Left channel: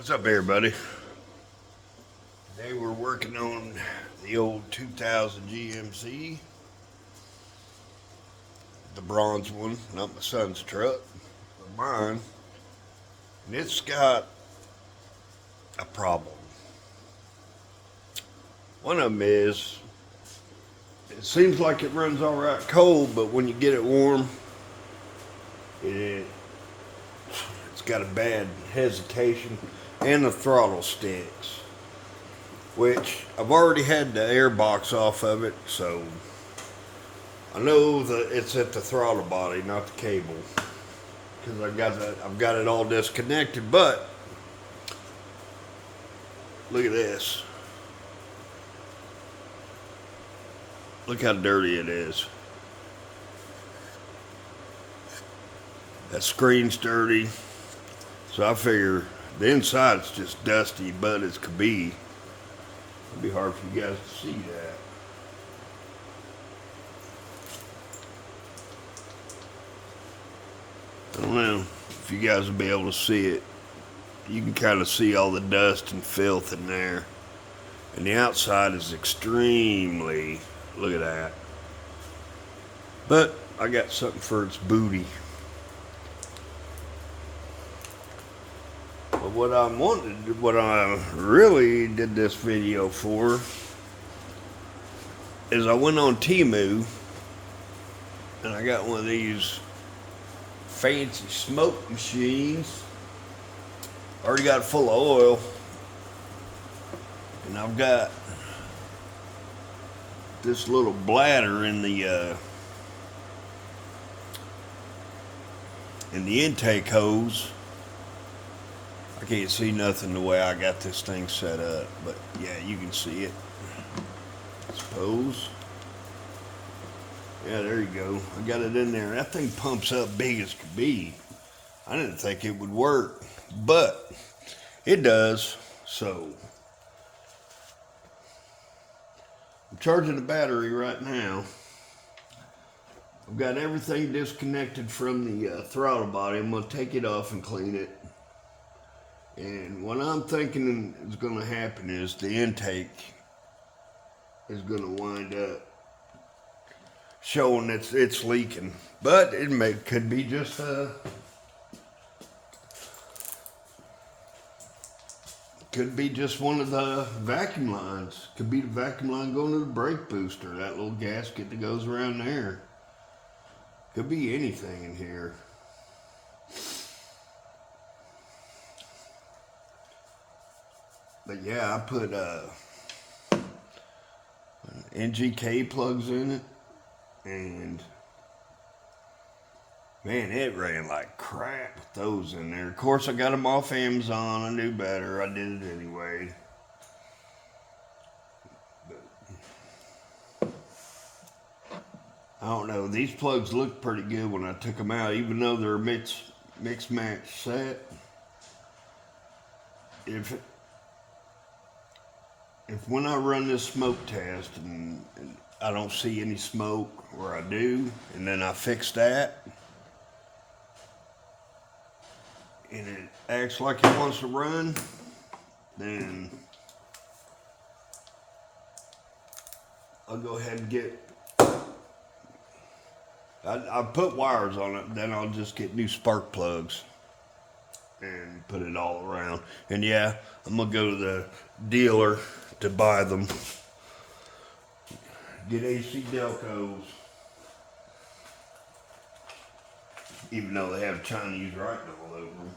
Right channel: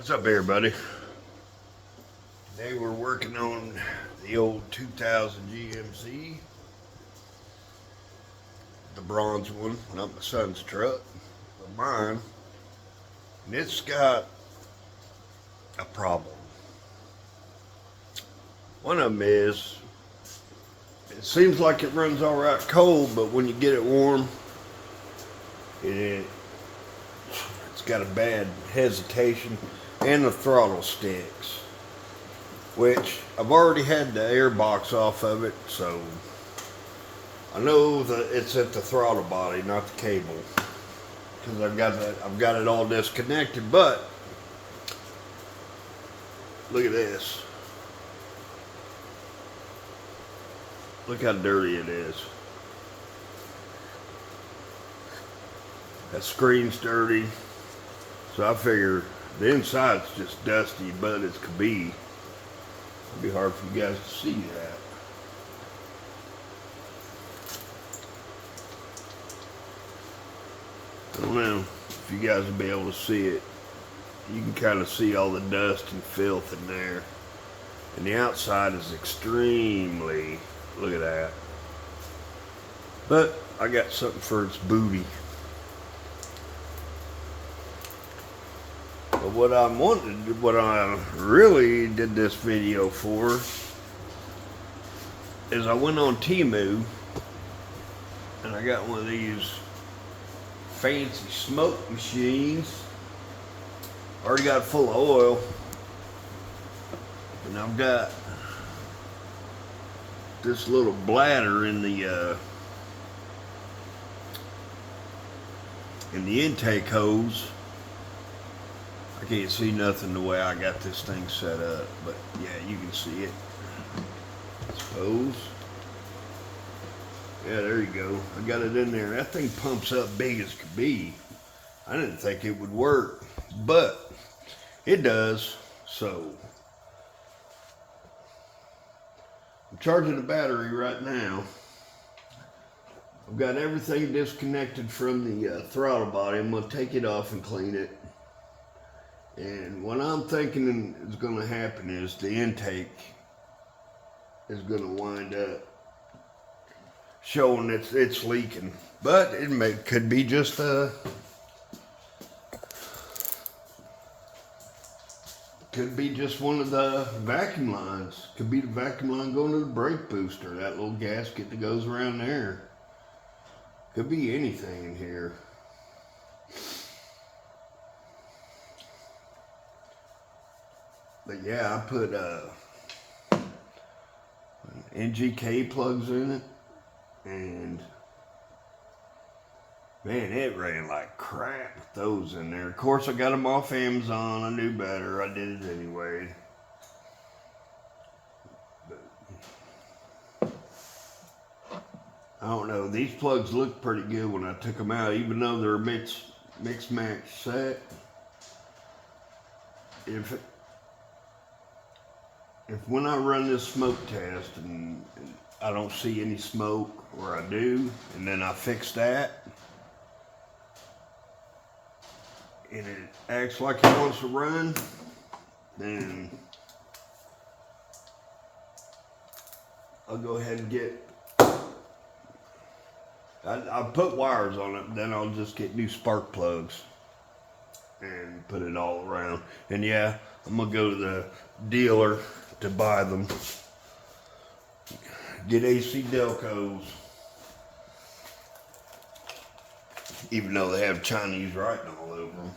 What's up, everybody? Today we're working on the old 2000 GMC, the bronze one, not my son's truck, but mine. And it's got a problem. One of them is, it seems like it runs all right cold, but when you get it warm, it's got a bad hesitation, and the throttle sticks. Which I've already had the air box off of it, so I know that it's at the throttle body, not the cable, because I've got it all disconnected. But look at this. Look how dirty it is. That screen's dirty, so I figure the inside's just dusty, but as could be. It'd be hard for you guys to see that. I don't know if you guys will be able to see it. You can kind of see all the dust and filth in there. And the outside is extremely, look at that. But I got something for its booty. But what I really did this video for is I went on Temu and I got one of these fancy smoke machines. Already got it full of oil, and I've got this little bladder in the intake hose. I can't see nothing the way I got this thing set up, but yeah, you can see it, I suppose. Yeah, there you go. I got it in there. That thing pumps up big as could be. I didn't think it would work, but it does. So I'm charging the battery right now. I've got everything disconnected from the throttle body. I'm going to take it off and clean it. And what I'm thinking is going to happen is the intake is going to wind up showing it's leaking. But it could be just one of the vacuum lines. Could be the vacuum line going to the brake booster, that little gasket that goes around there. Could be anything in here. But yeah, I put NGK plugs in it, and man, it ran like crap with those in there. Of course, I got them off Amazon. I knew better. I did it anyway. But I don't know. These plugs looked pretty good when I took them out, even though they're mix match set. If when I run this smoke test and I don't see any smoke, or I do, and then I fix that, and it acts like it wants to run, then I'll go ahead and I'll put wires on it, then I'll just get new spark plugs and put it all around. And yeah, I'm gonna go to the dealer to buy them. Get AC Delcos, even though they have Chinese writing all over them.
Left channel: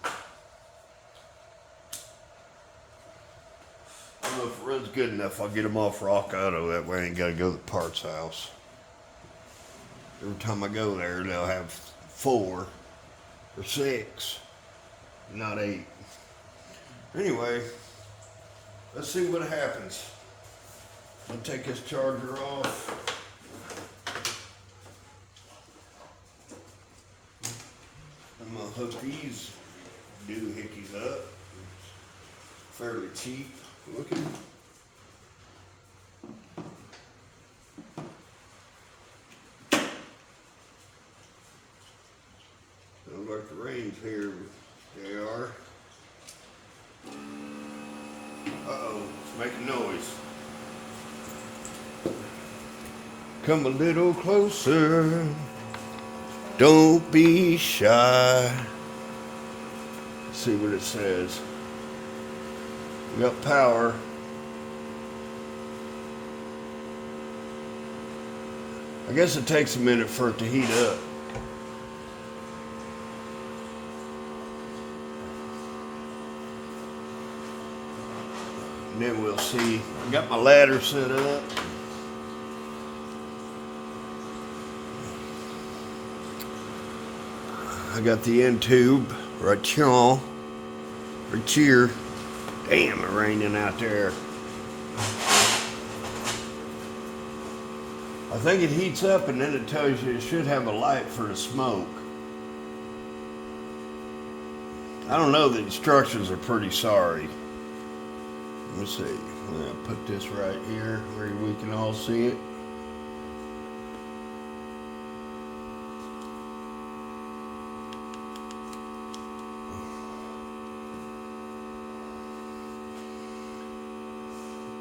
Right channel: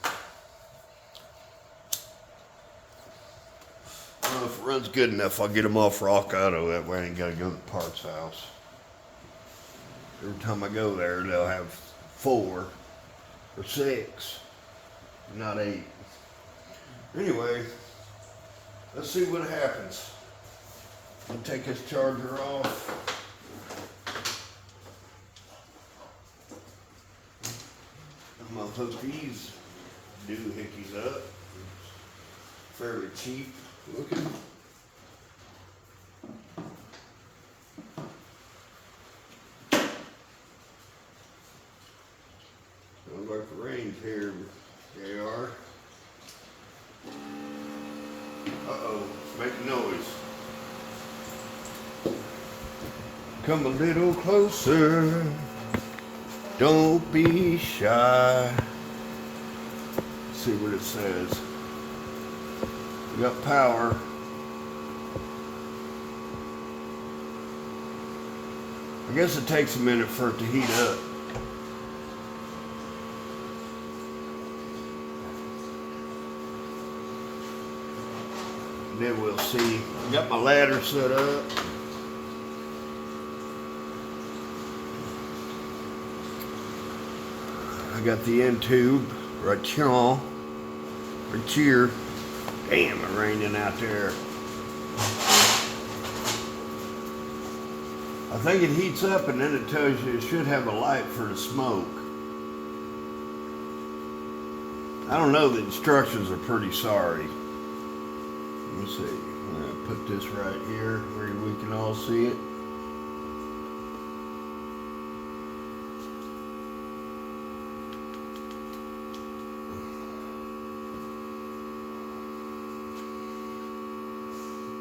I don't know if it runs good enough, I'll get them off Rock Auto. That way I ain't gotta go to the parts house. Every time I go there, they'll have 4 or 6, not 8. Anyway, let's see what happens. I'll take this charger off. I'm gonna hook these doohickeys up. Fairly cheap looking. Looks like the rain's here, JR. Make a noise. Come a little closer. Don't be shy. See what it says. We got power. I guess it takes a minute for it to heat up. And then we'll see. Got my ladder set up. I got the end tube right here. Right here. Damn, it's raining out there. I think it heats up and then it tells you it should have a light for the smoke. I don't know, the instructions are pretty sorry. Let me see. I'm gonna put this right here where we can all see it.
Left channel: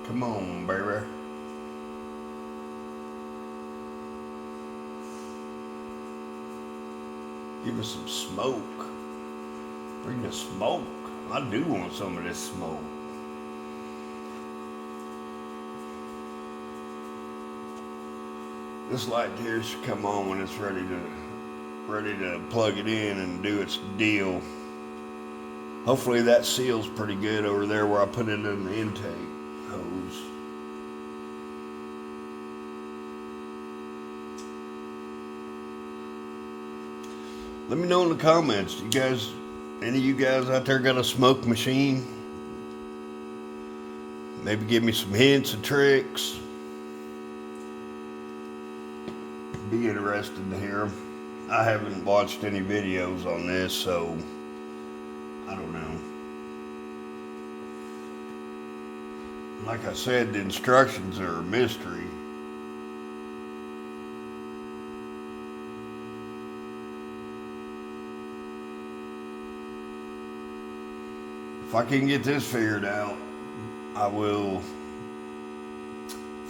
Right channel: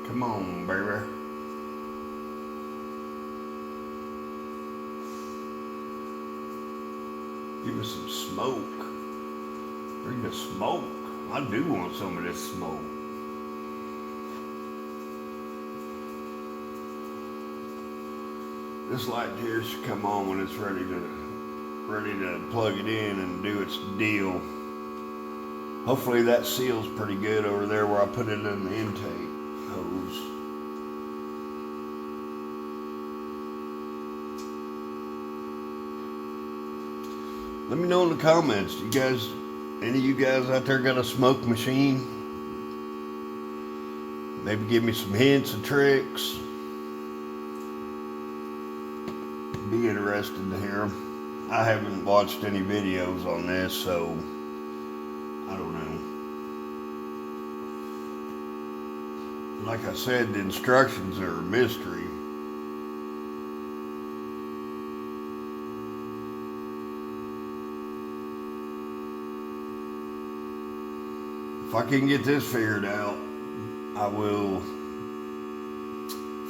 Come on, baby. Give me some smoke. Bring the smoke. I do want some of this smoke. This light here should come on when it's ready to plug it in and do its deal. Hopefully that seals pretty good over there where I put it in the intake hose. Let me know in the comments, any of you guys out there got a smoke machine? Maybe give me some hints and tricks. Be interested to hear them. I haven't watched any videos on this, so I don't know. Like I said, the instructions are a mystery. If I can get this figured out, I will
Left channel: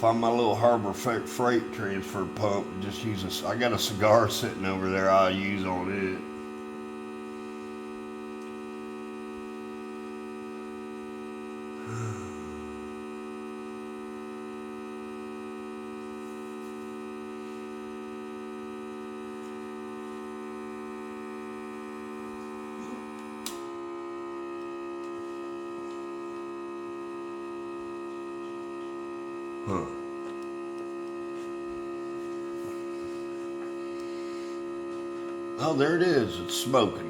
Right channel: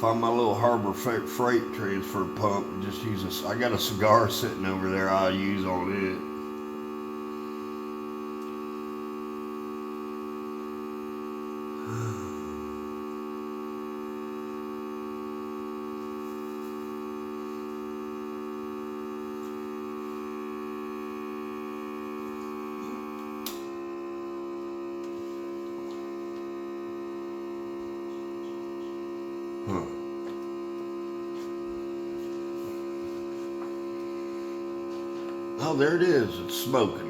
find my little Harbor Freight transfer pump. Just use I got a cigar sitting over there I'll use on it. Oh, there it is. It's smoking.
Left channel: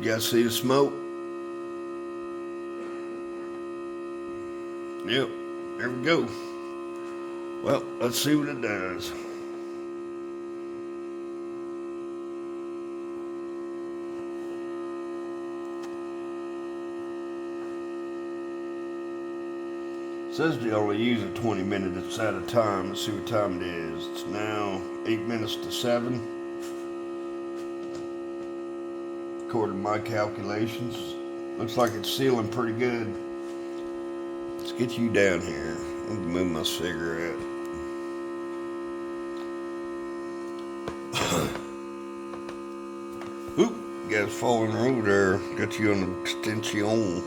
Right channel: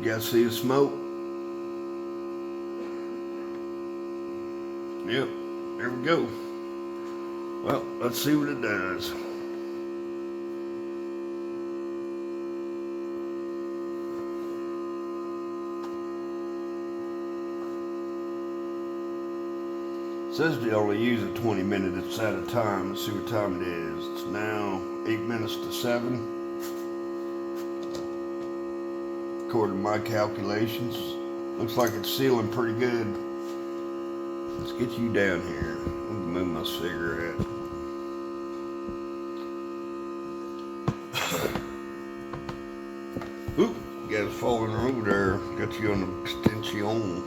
You guys see the smoke? Yep, there we go. Well, let's see what it does. It says to only use it 20 minutes at a time. Let's see what time it is. It's now 8 minutes to 7. According to my calculations. Looks like it's sealing pretty good. Let's get you down here. Let me move my cigarette. Oop, you guys falling over there. Got you on the extension.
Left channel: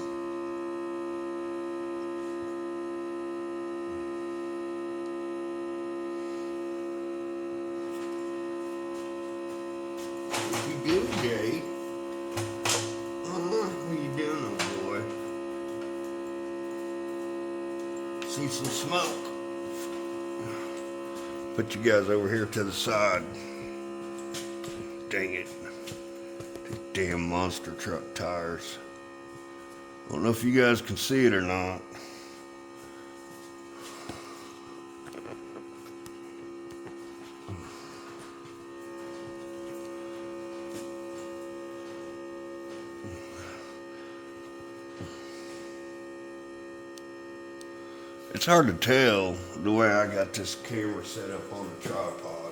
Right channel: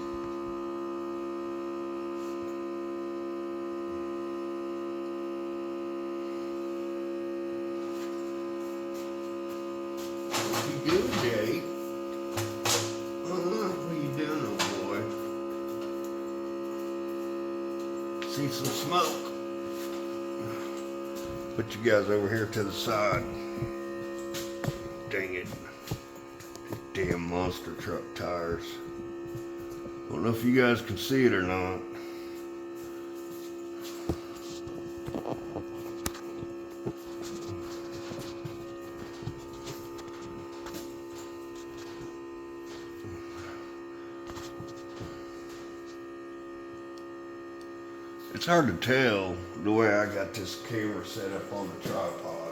See some smoke. Put you guys over here to the side. Dang it. These damn monster truck tires. I don't know if you guys can see it or not. It's hard to tell the way I got this camera set up on the tripod.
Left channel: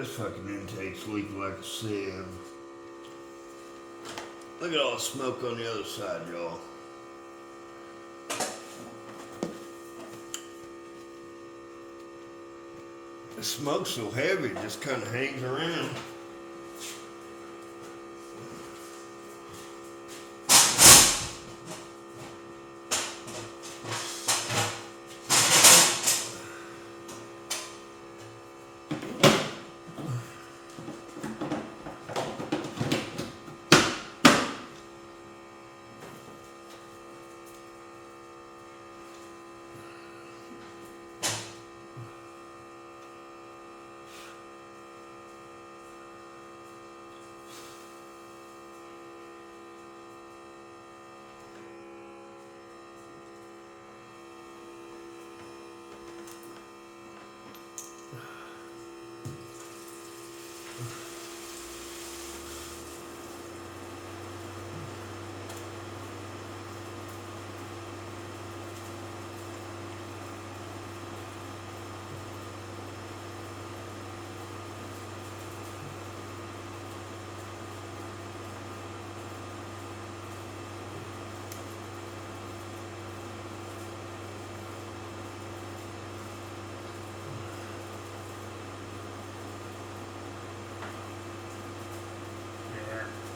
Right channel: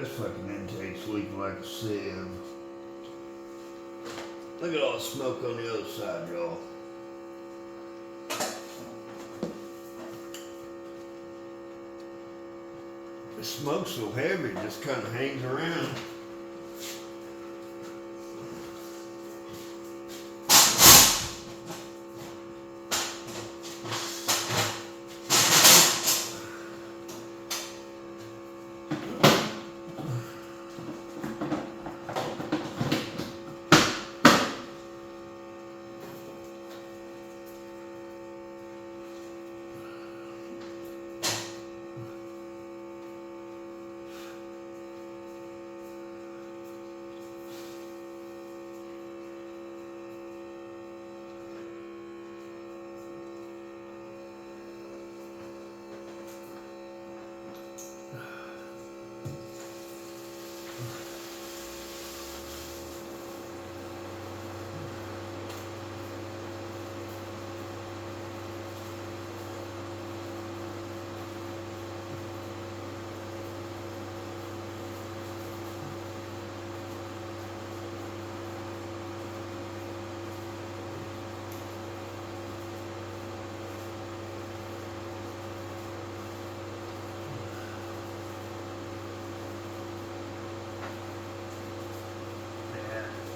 this fucking intake's leaking like a sieve. Look at all the smoke on the other side, y'all. The smoke's so heavy, it just kind of hangs around.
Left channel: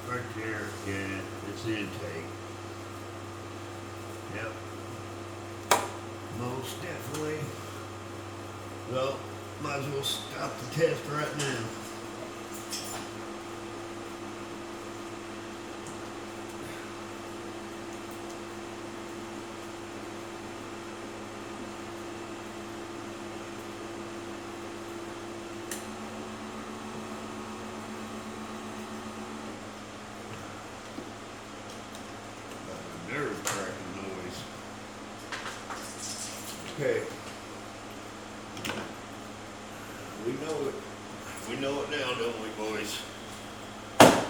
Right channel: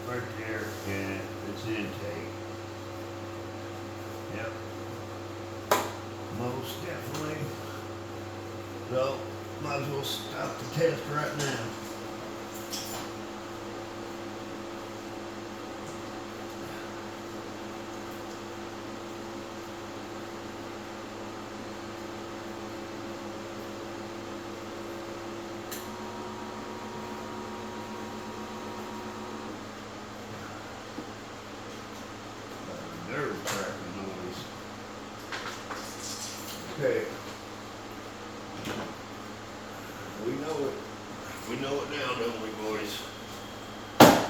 Right there, yeah, it's the intake. Yep. Most definitely. Well, might as well stop the test right now. Nerve cracking noise. Okay. We know it. We know it now, don't we, boys? Let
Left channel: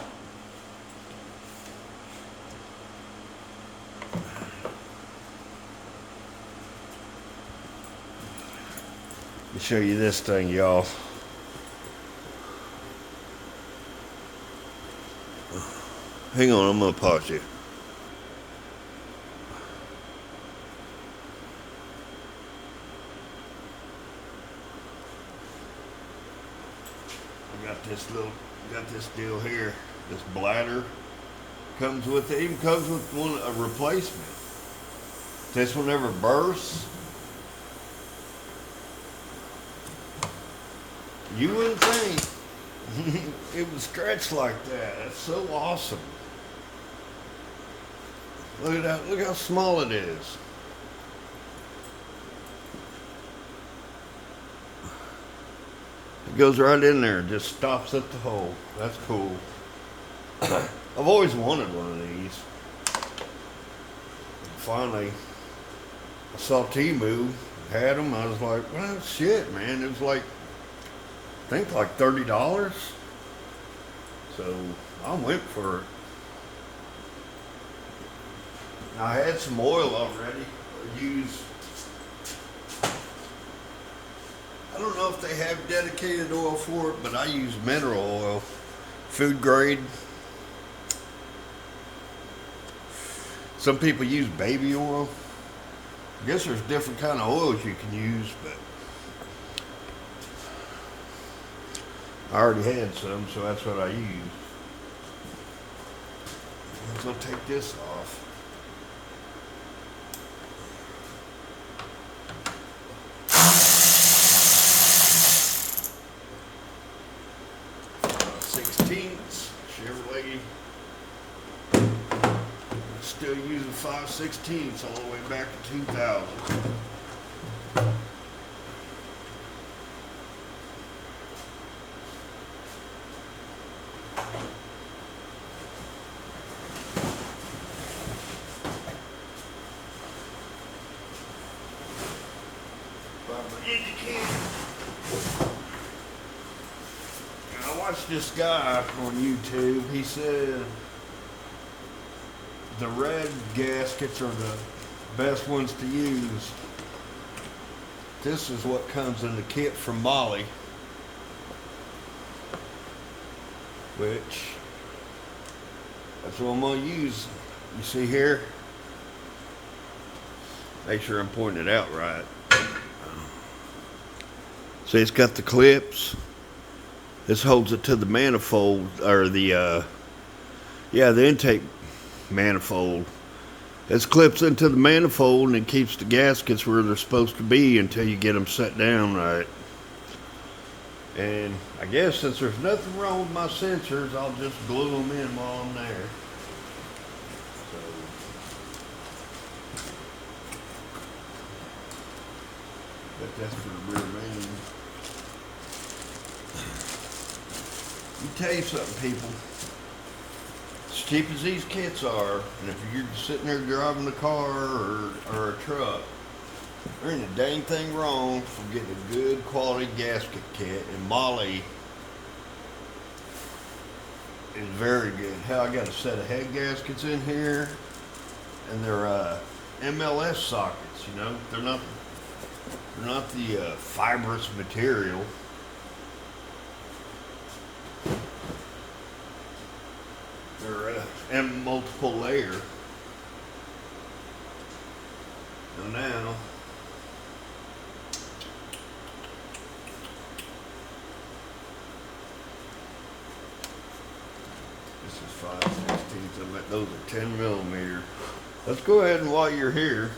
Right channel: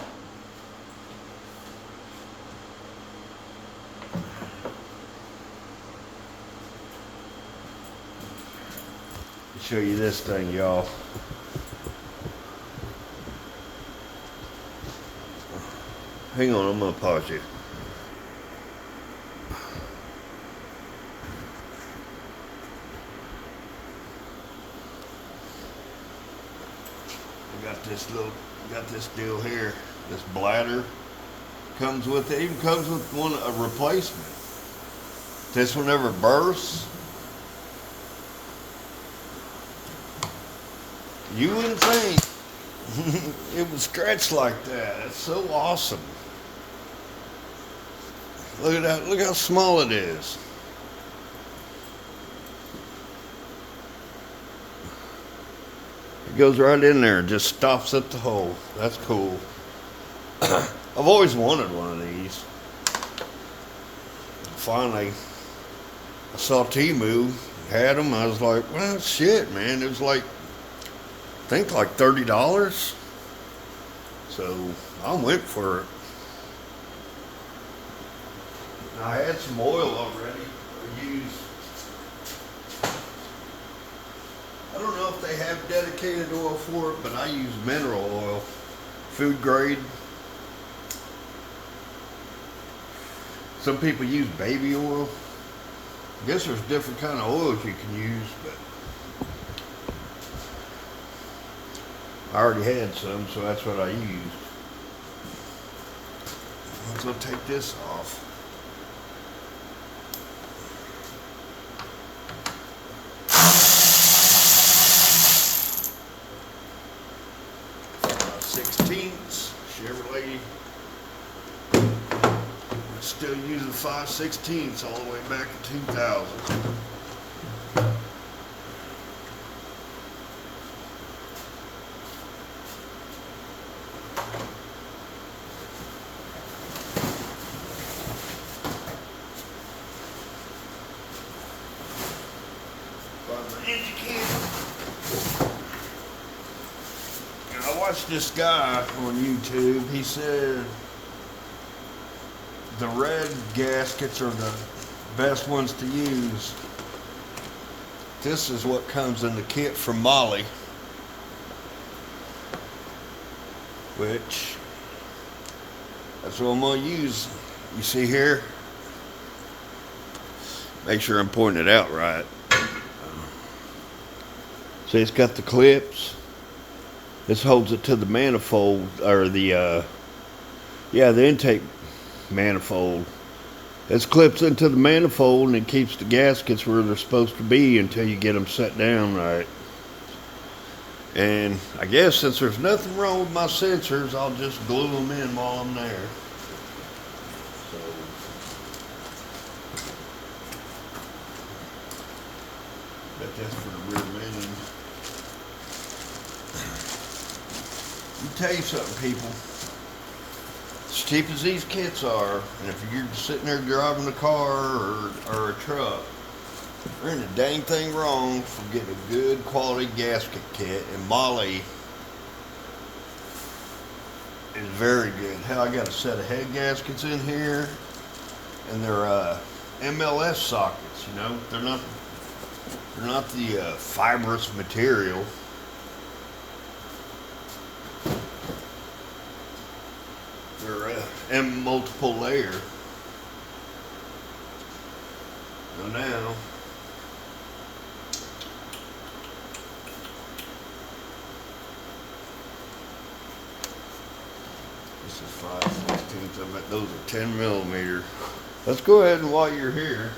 me show you this thing, y'all. Hang on, I'm gonna pause you. Got this deal here. This bladder comes with it. Even comes with a replacement. This one never bursts. You wouldn't think it would scratch like that. That's so awesome. Look at that. Look how small it is. It goes right in there and just stops at the hole. That's cool. I've always wanted one of these. Finally, I saw Temu had them. I was like, well, shit, man. It was like, I think like $30. So I went for it. I had some oil already. I used. I don't know if they have dedicated oil for it, but I use mineral oil, food grade. Some people use baby oil. I guess there's different kind of oils you can use, but I already had some, so that's what I used. Let's go take this off. Chevrolet, still using 5/16 all the way back in 2000. I watched this guy on YouTube. He said the red gaskets are the best ones to use. This is what comes in the kit from Molly. which that's what I'm gonna use. You see here? Make sure I'm pointing it out right. See, it's got the clips. This holds it to the manifold, or the intake manifold. This clips into the manifold and it keeps the gaskets where they're supposed to be until you get them set down right. And I guess since there's nothing wrong with my sensors, I'll just glue them in while I'm there. So, bet that's for the rear end. Let me tell you something, people. As cheap as these kits are, and if you're sitting there driving a car or a truck, there ain't a dang thing wrong for getting a good quality gasket kit, and Molle is very good. Hell, I got a set of head gaskets in here, and they're MLS sockets. You know, they're not the fibrous material. They're in multiple layer. Now, this is 5/16. I bet those are 10 millimeter. Let's go ahead and while you're here,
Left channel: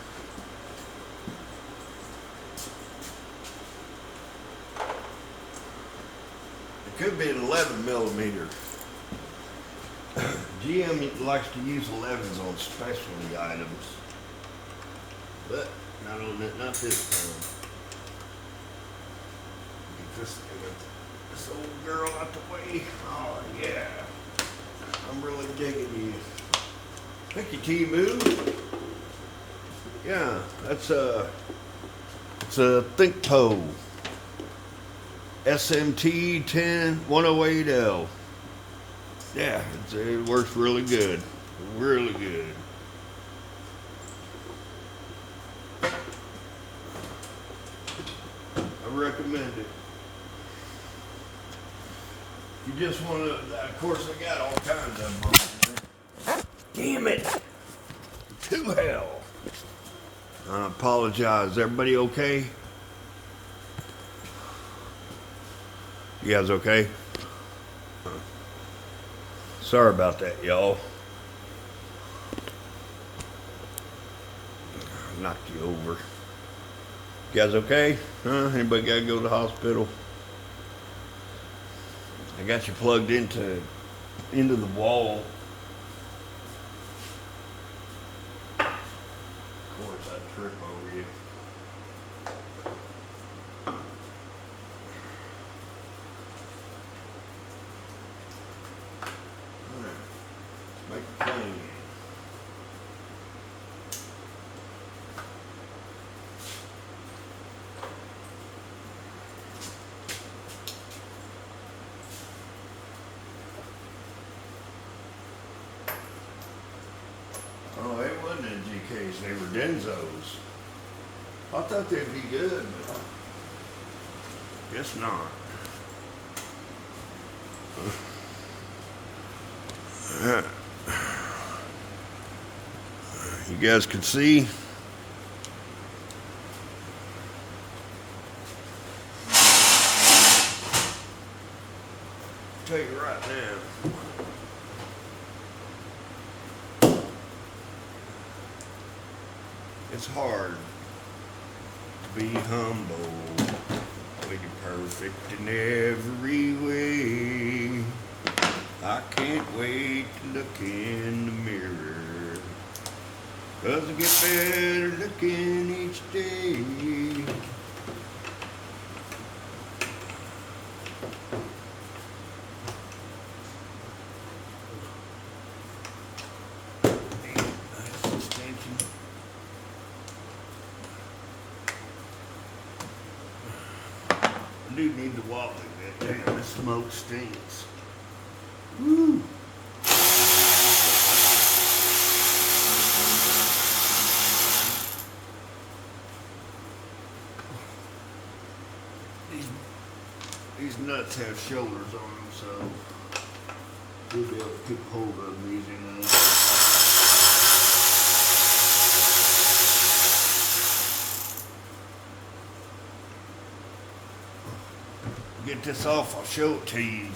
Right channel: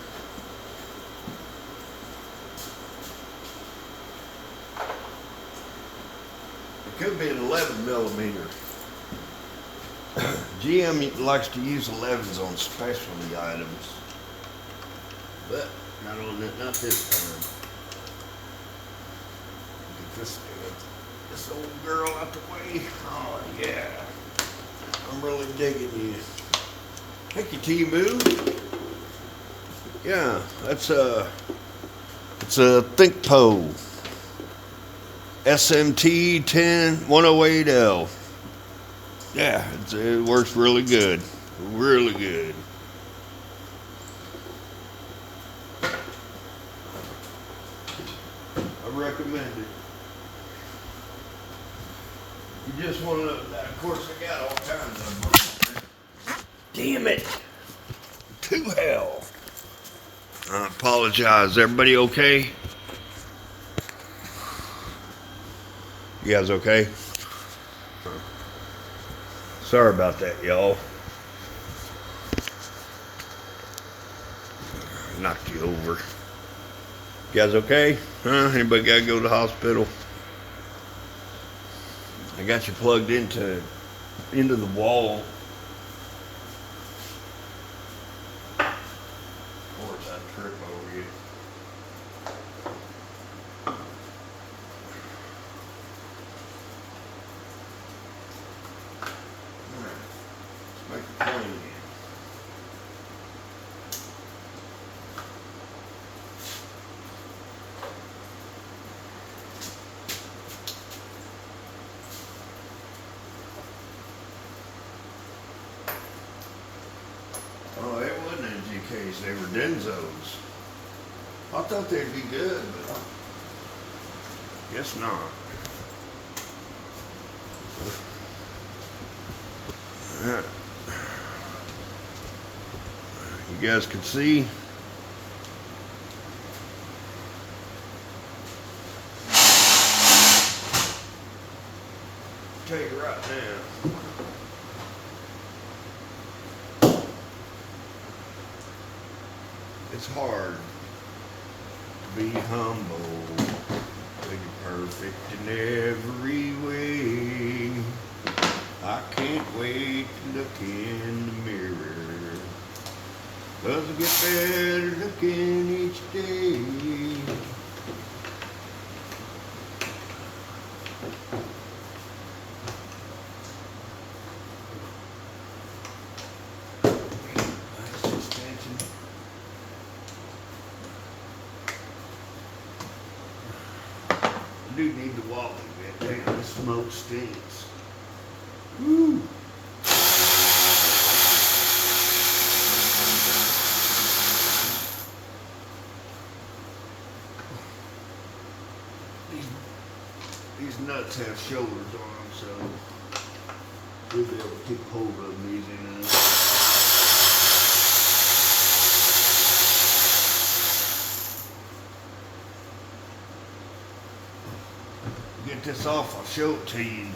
it could be an 11 millimeter. GM likes to use 11s on specialty items, but not this time. Get this old girl out the way. Oh yeah, I'm really digging you. Thank you, T-Boo. Yeah, it's a ThinkPo SMT 108L. Yeah, it works really good. Really good. I recommend it. You just want to, of course, I got all kinds of them. Damn it. To hell. I apologize. Everybody okay? You guys okay? Sorry about that, y'all. Knocked you over. You guys okay? Huh? Anybody gotta go to the hospital? I got you plugged into the wall. Of course, I trip over you. Make it clean. Oh, it wasn't NGKs, they were Denzos. I thought they'd be good, but guess not. You guys can see. Tell you right now. It's hard to be humble when you're perfect in every way. I can't wait to look in the mirror, 'cause I get better looking each day. I do need to walk a bit. Damn, this smoke stinks. Woo! These nuts have shoulders on them, so We'll be able to keep hold of them easy now. Get this off, I'll show it to you.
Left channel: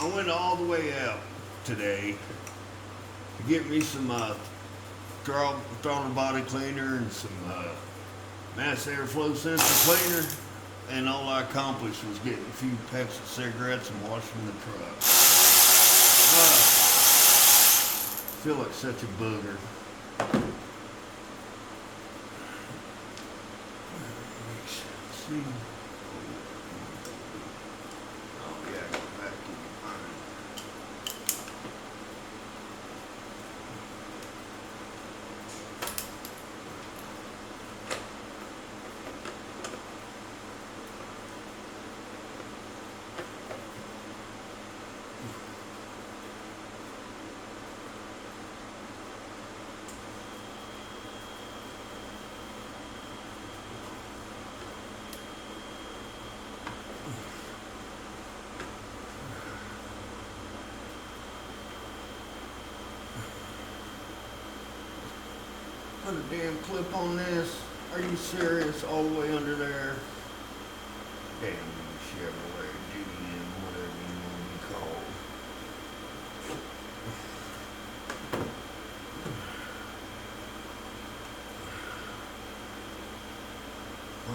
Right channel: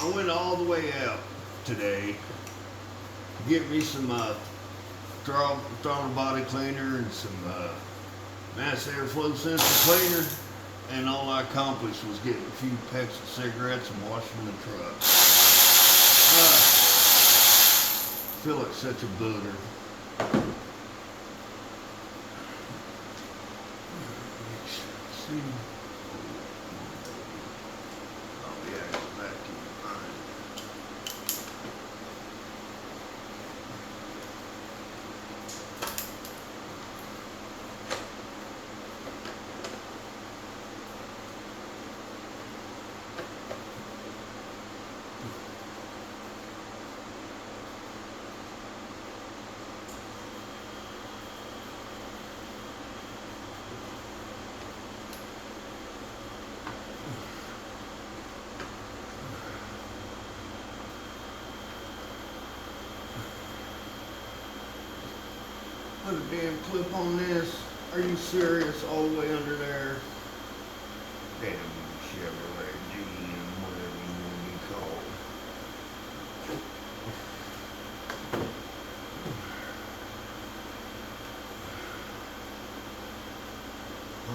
I went all the way out today to get me some throttle body cleaner and some mass airflow sensor cleaner, and all I accomplished was getting a few packs of cigarettes and washing the truck. I feel like such a booger. See. Oh yeah, go back to your mind. Put a damn clip on this. Are you serious? All the way under there. Damn Chevrolet GM, whatever you want to be called.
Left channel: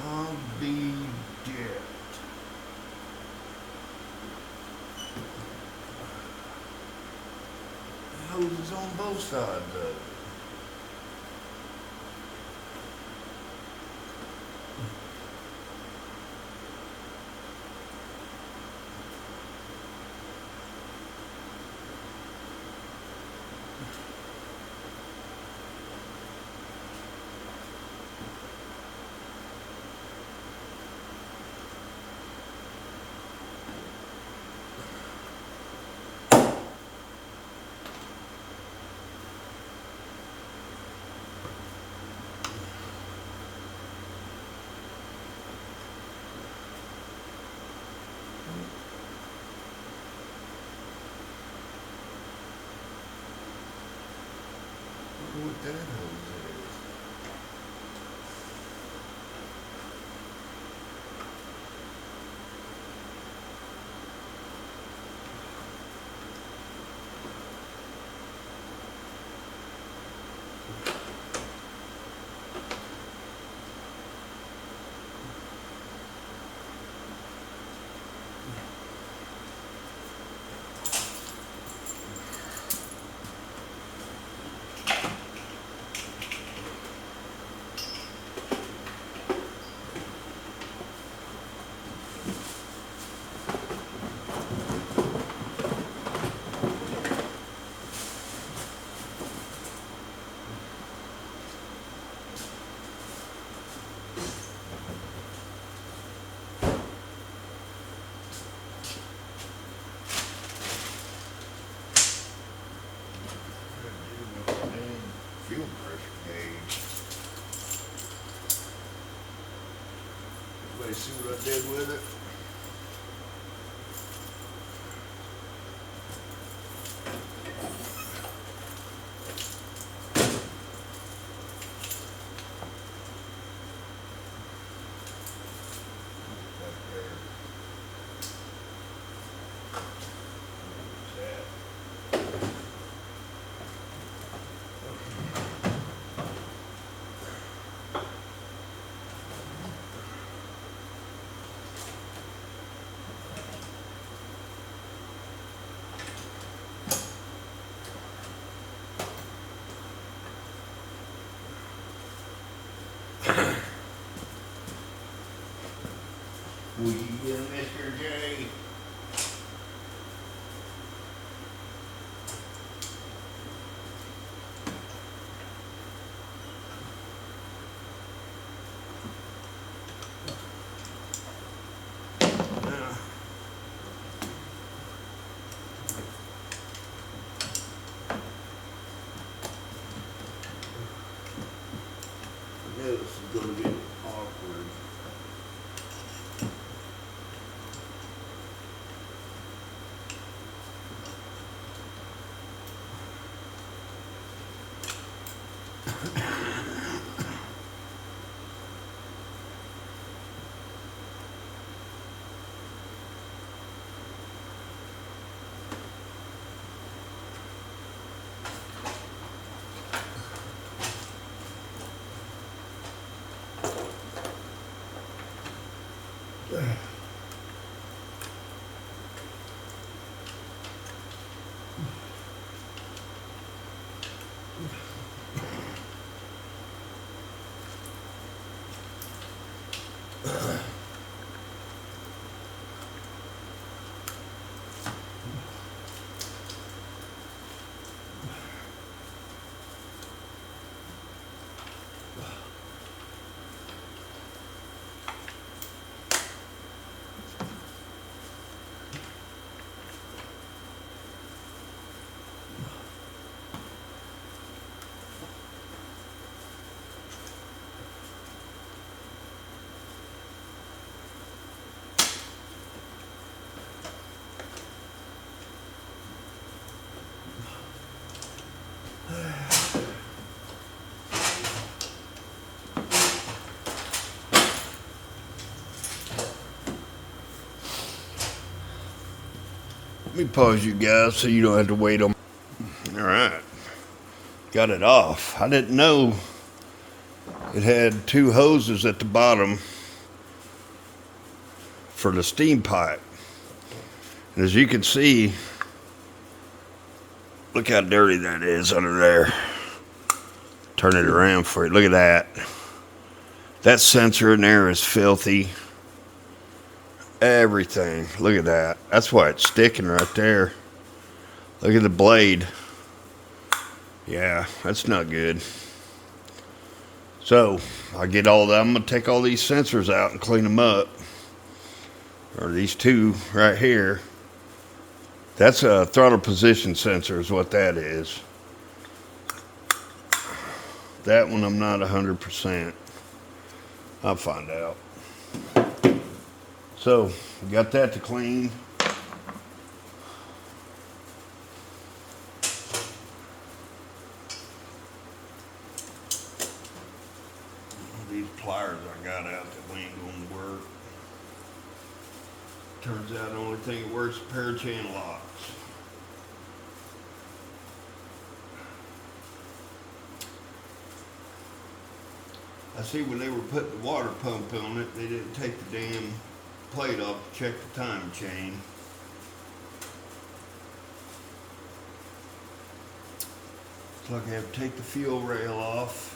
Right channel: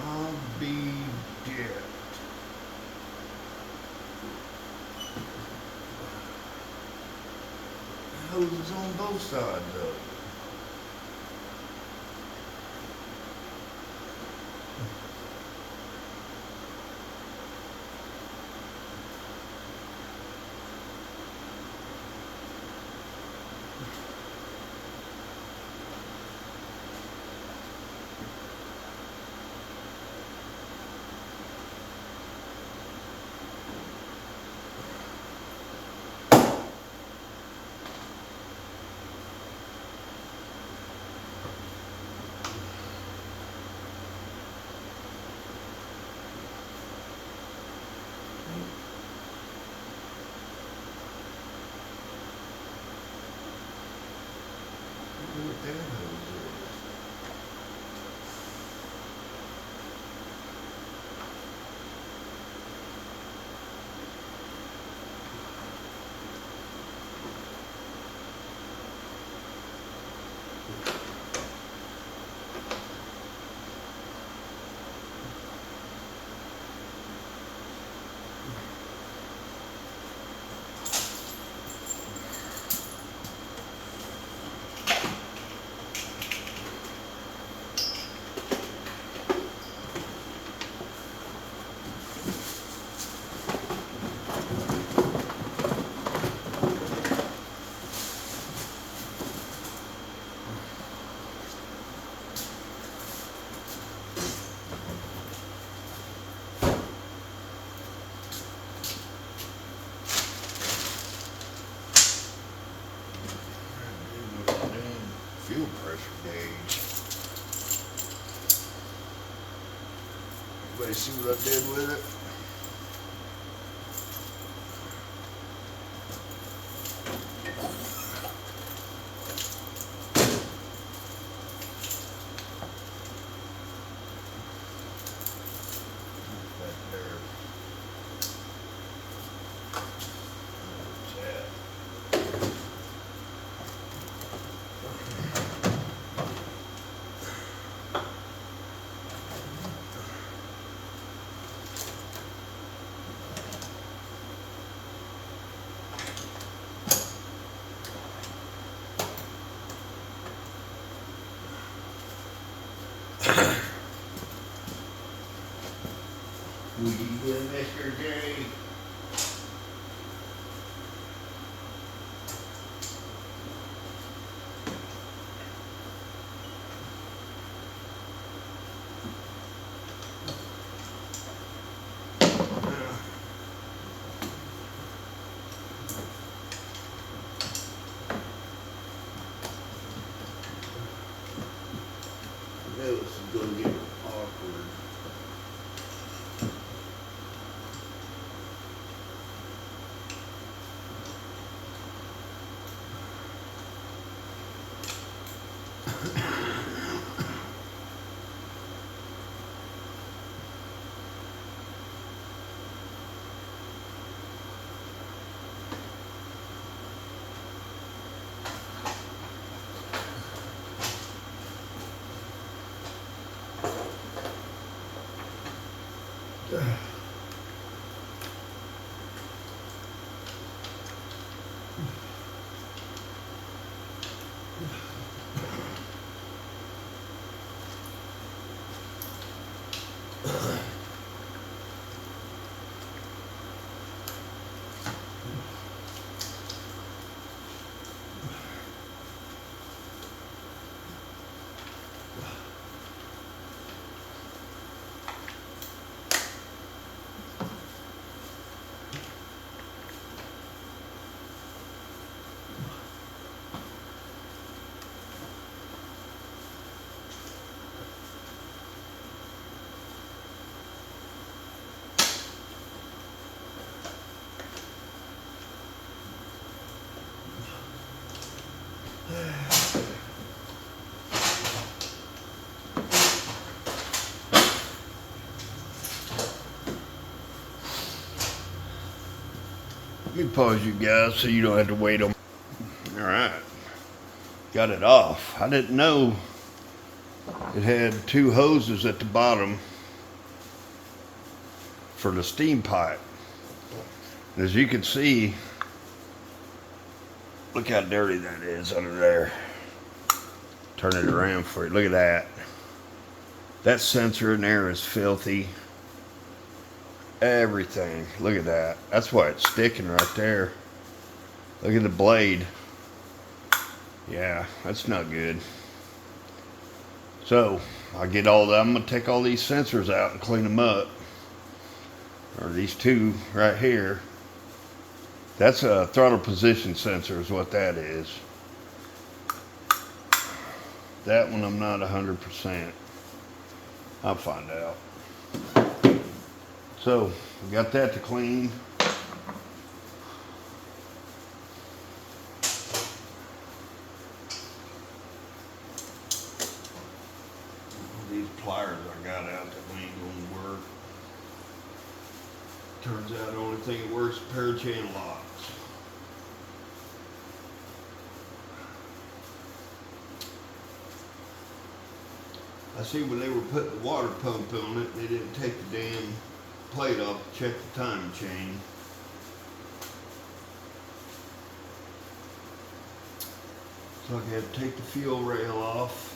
I'll be dead. Hoses on both sides of it. What that hose is. Fuel pressure gauge. Everybody see what I did with it? Back there. Where's that? Will you get Mr. J? I know this is going to get awkward. Let me pause you guys so you don't have to wait on. All right, got it off. I didn't know it had two hoses at the bottom for the steam pipe. And as you can see, look how dirty that is under there. Turn it around for you. Look at that. That sensor in there is filthy. Everything. Look at that. That's why it's sticking right there. Look at the blade. Yeah, that's not good. So, I get all that. I'm going to take all these sensors out and clean them up. Or these two right here. That's a throttle position sensor is what that is. That one I'm not 100%. I'll find out. So, we got that to clean. These pliers I got out that ain't gonna work. Turns out the only thing that works is a pair of channel locks. I see when they were putting the water pump on it, they didn't take the damn plate off to check the time chain. So I had to take the fuel rail off.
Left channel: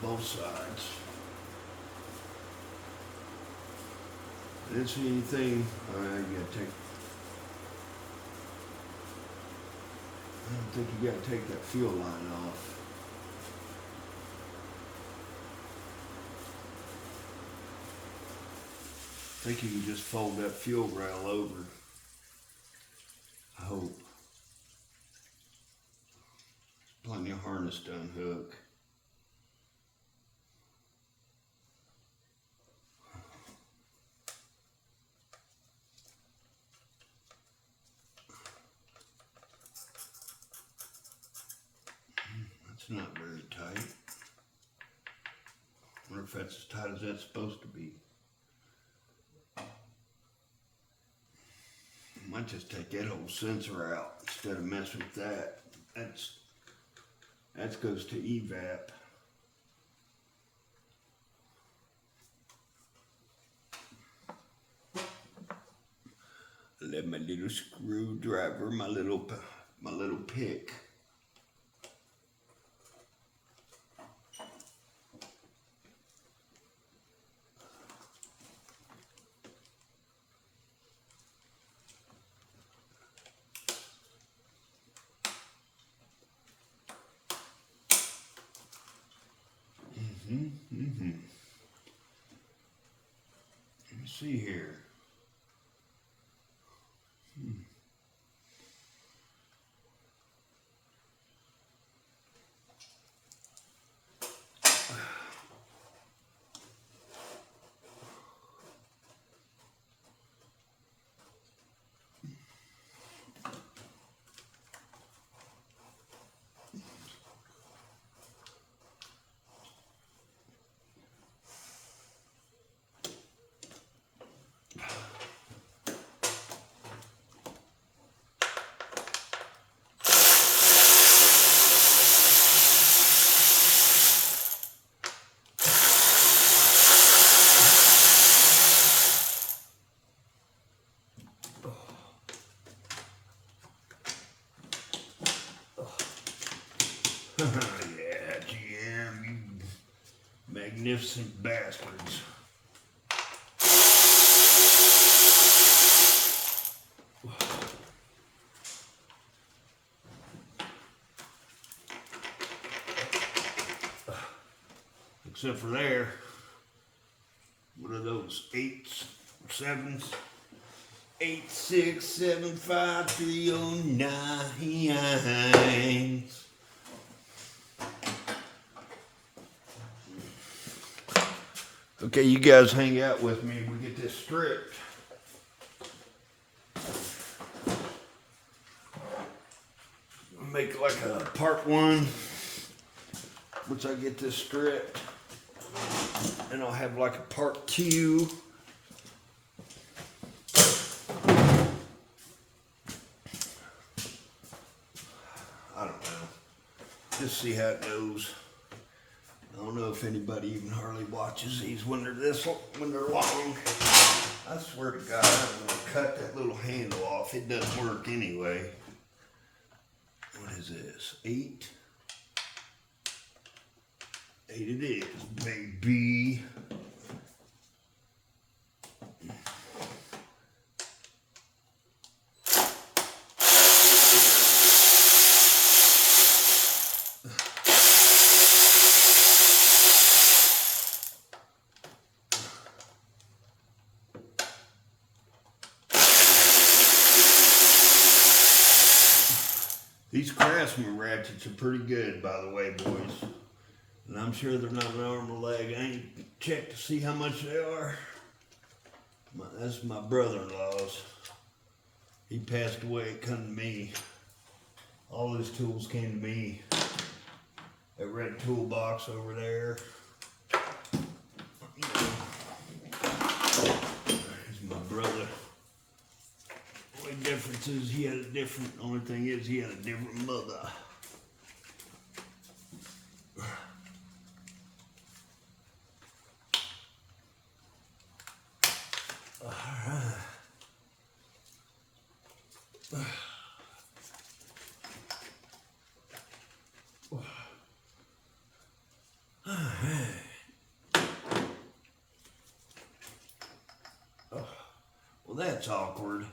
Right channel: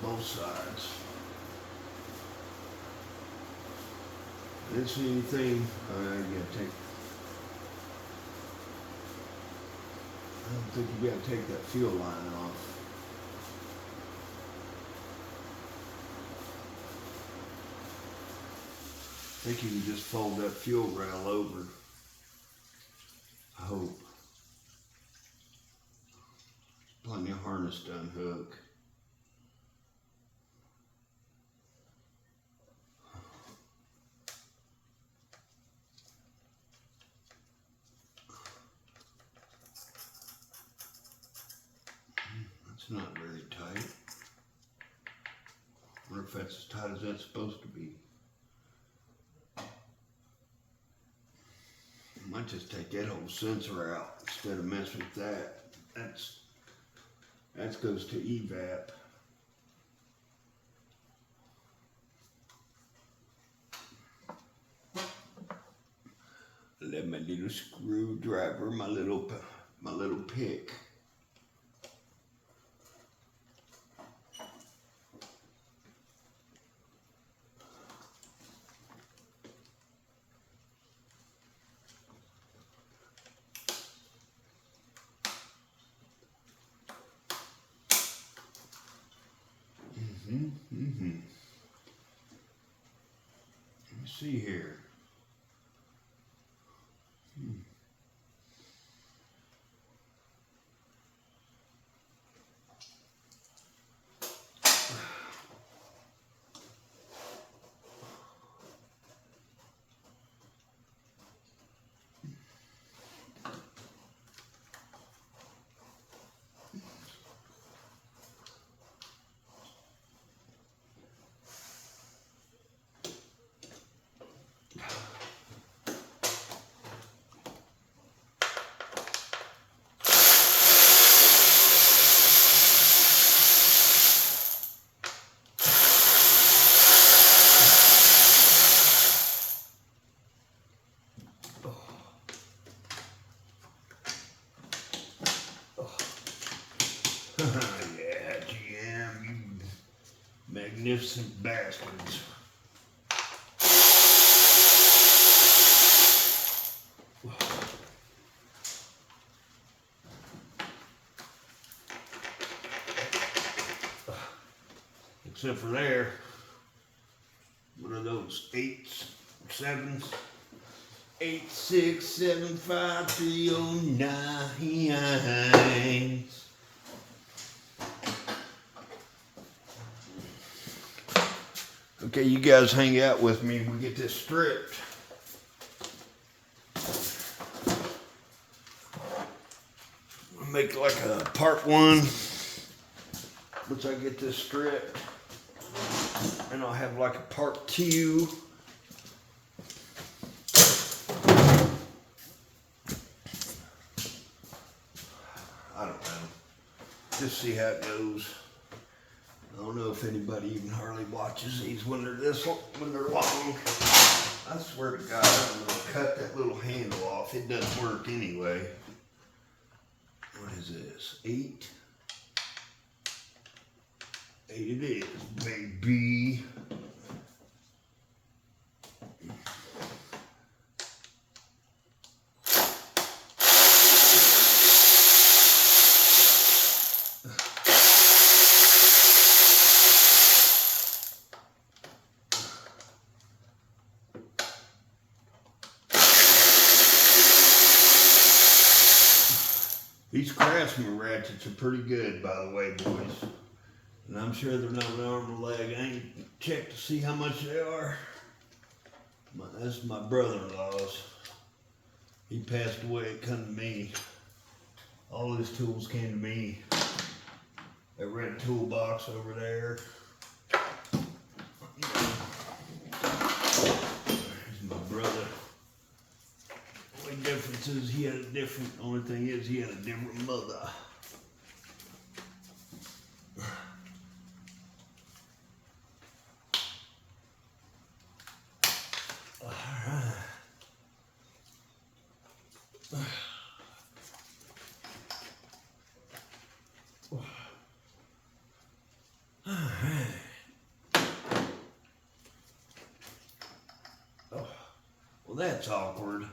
Both sides. I didn't see anything. I gotta take. I don't think you gotta take that fuel line off. I think you can just fold that fuel rail over. I hope. Plenty of harness to unhook. That's not very tight. I wonder if that's as tight as that's supposed to be. I might just take that whole sensor out instead of messing with that. That goes to evap. Let my little screwdriver, my little pick. Let me see here. Yeah, GM, you magnificent bastards. Except for there, one of those 8, 7s. 8, 6, 7, 5, 3, 9. Okay, you guys hang out with me. We get this stripped. We'll make like a part 1, once I get this stripped. And I'll have like a part 2. I don't know. Just see how it goes. I don't know if anybody even hardly watches these when they're when they're long. I swear to God, I'm gonna cut that little handle off. It doesn't work anyway. What is this? 8? 8 it is, baby. These Craftsman ratchets are pretty good, by the way, boys. And I'm sure they're not an arm or leg. I ain't checked to see how much they are. That's my brother-in-law's. He passed away, it come to me. All his tools came to me. That red toolbox over there. He's my brother. The only difference is he had a different, only thing is he had a different mother. Well, that's awkward.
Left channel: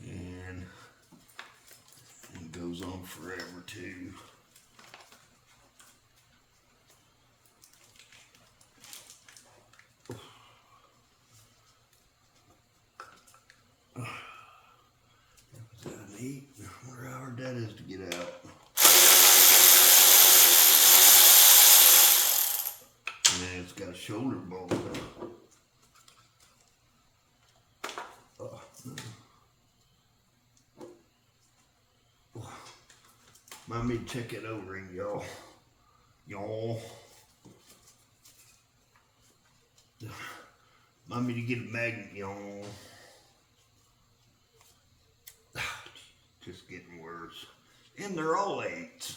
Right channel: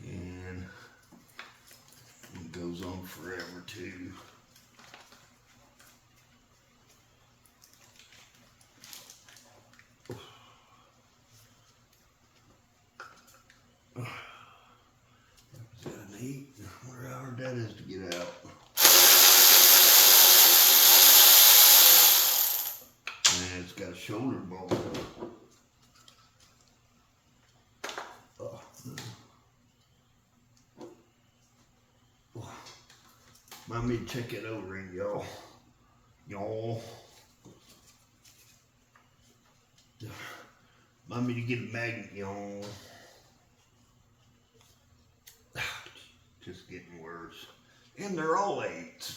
And it goes on forever too. Is that an 8? I wonder how hard that is to get out. And it's got a shoulder bolt. Mind me to check it over, y'all. Mind me to get a magnet, y'all. Just getting worse. And they're all 8s.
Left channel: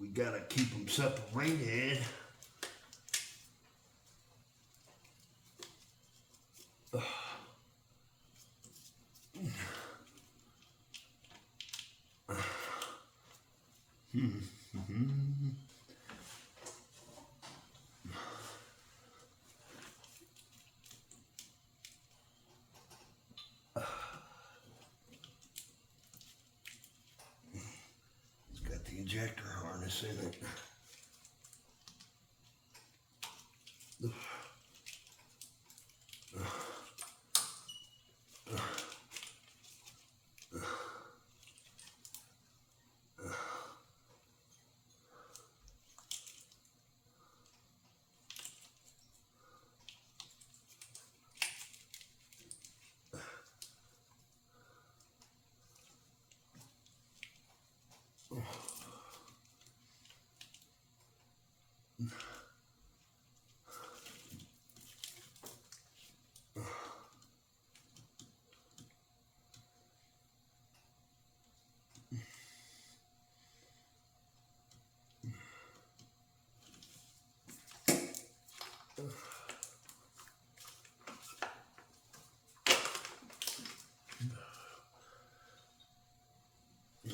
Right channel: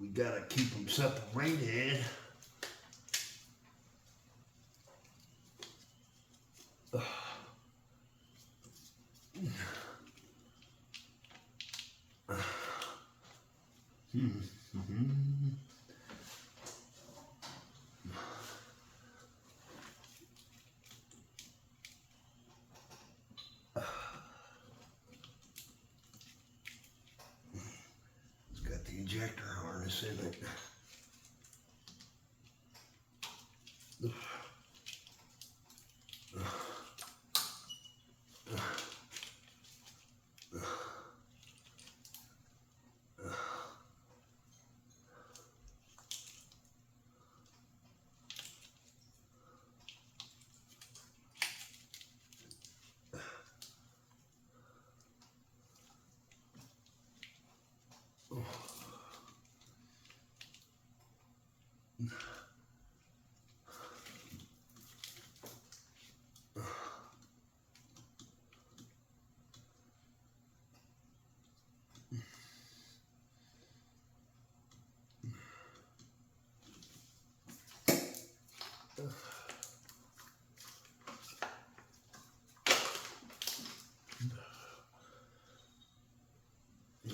We gotta keep them separated. It's got the injector harness in it.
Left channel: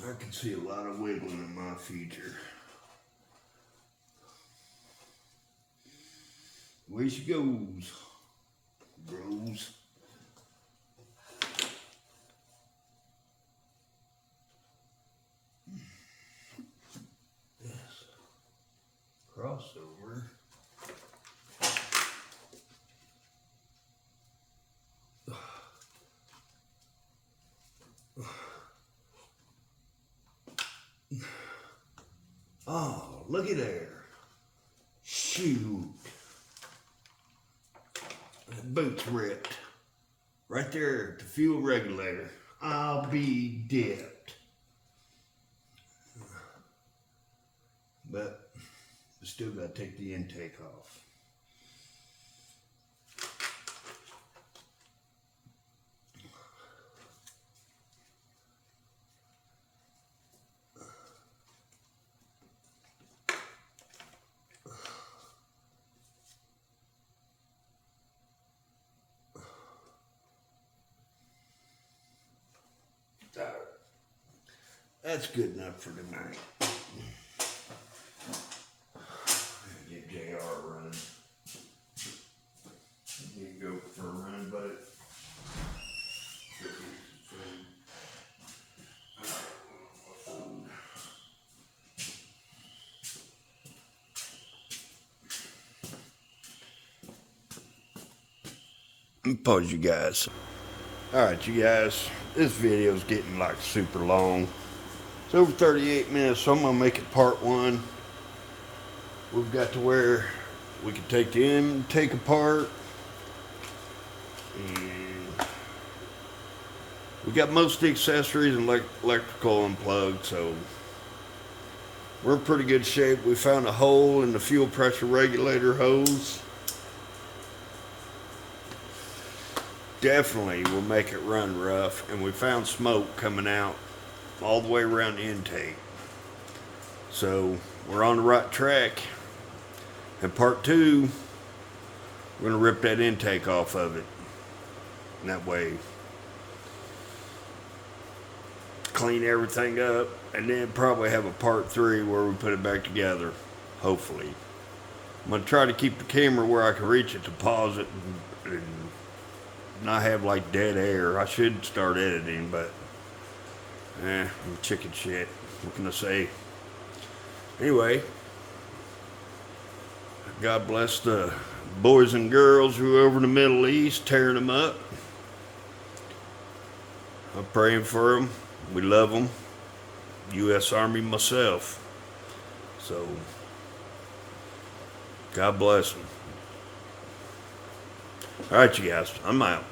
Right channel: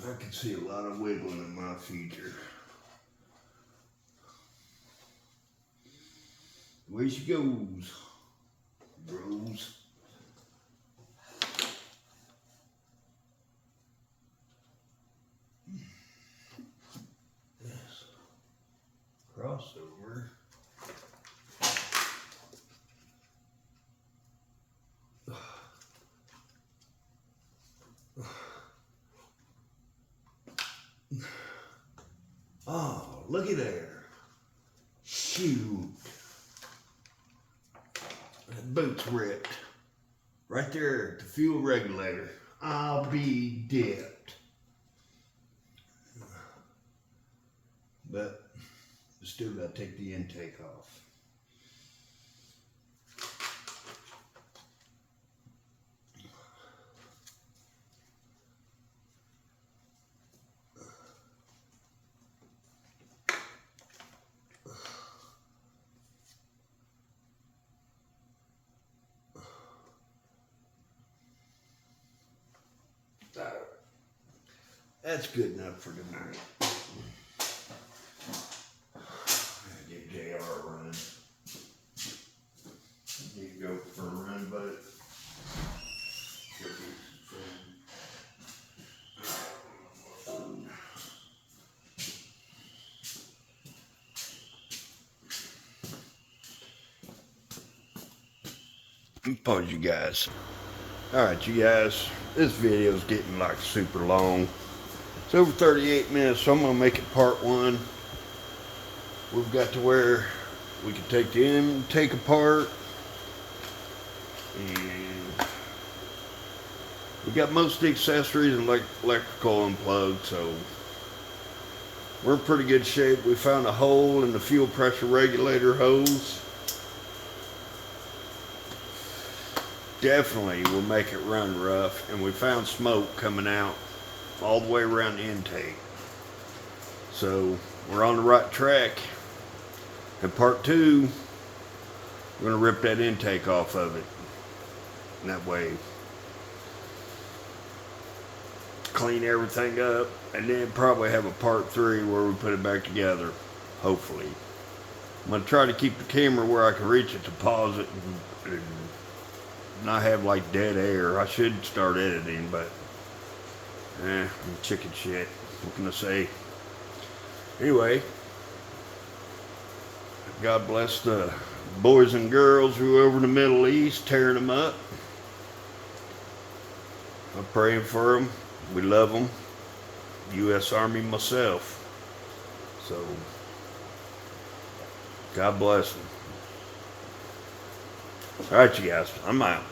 I can see a lot of wiggling in my future. Away she goes, bros. Yes. Crossover. Oh, looky there. Shoot. That boot's ripped. Right there at the fuel regulator. I'll be dipped. But I still got to take the intake off. That's good enough for tonight. Get JR running. You can go for a run, buddy. Pause you guys. Alright you guys, this video is getting like super long. It's over 38 minutes, so I'm going to make it part one. We've got to where we can take the intake apart. And we got most of the accessories and electrical unplugged, so we're in pretty good shape. We found a hole in the fuel pressure regulator hose. Definitely will make it run rough, and we found smoke coming out all the way around the intake. So we're on the right track. In part two, we're going to rip that intake off of it. And that way, clean everything up, and then probably have a part three where we put it back together, hopefully. I'm going to try to keep the camera where I can reach it to pause it and not have like dead air. I should start editing, but I'm chicken shit. What can I say? Anyway, God bless the boys and girls who are over in the Middle East tearing them up. I'm praying for them. We love them. U.S. Army myself. So, God bless them. All right, you guys. I'm out.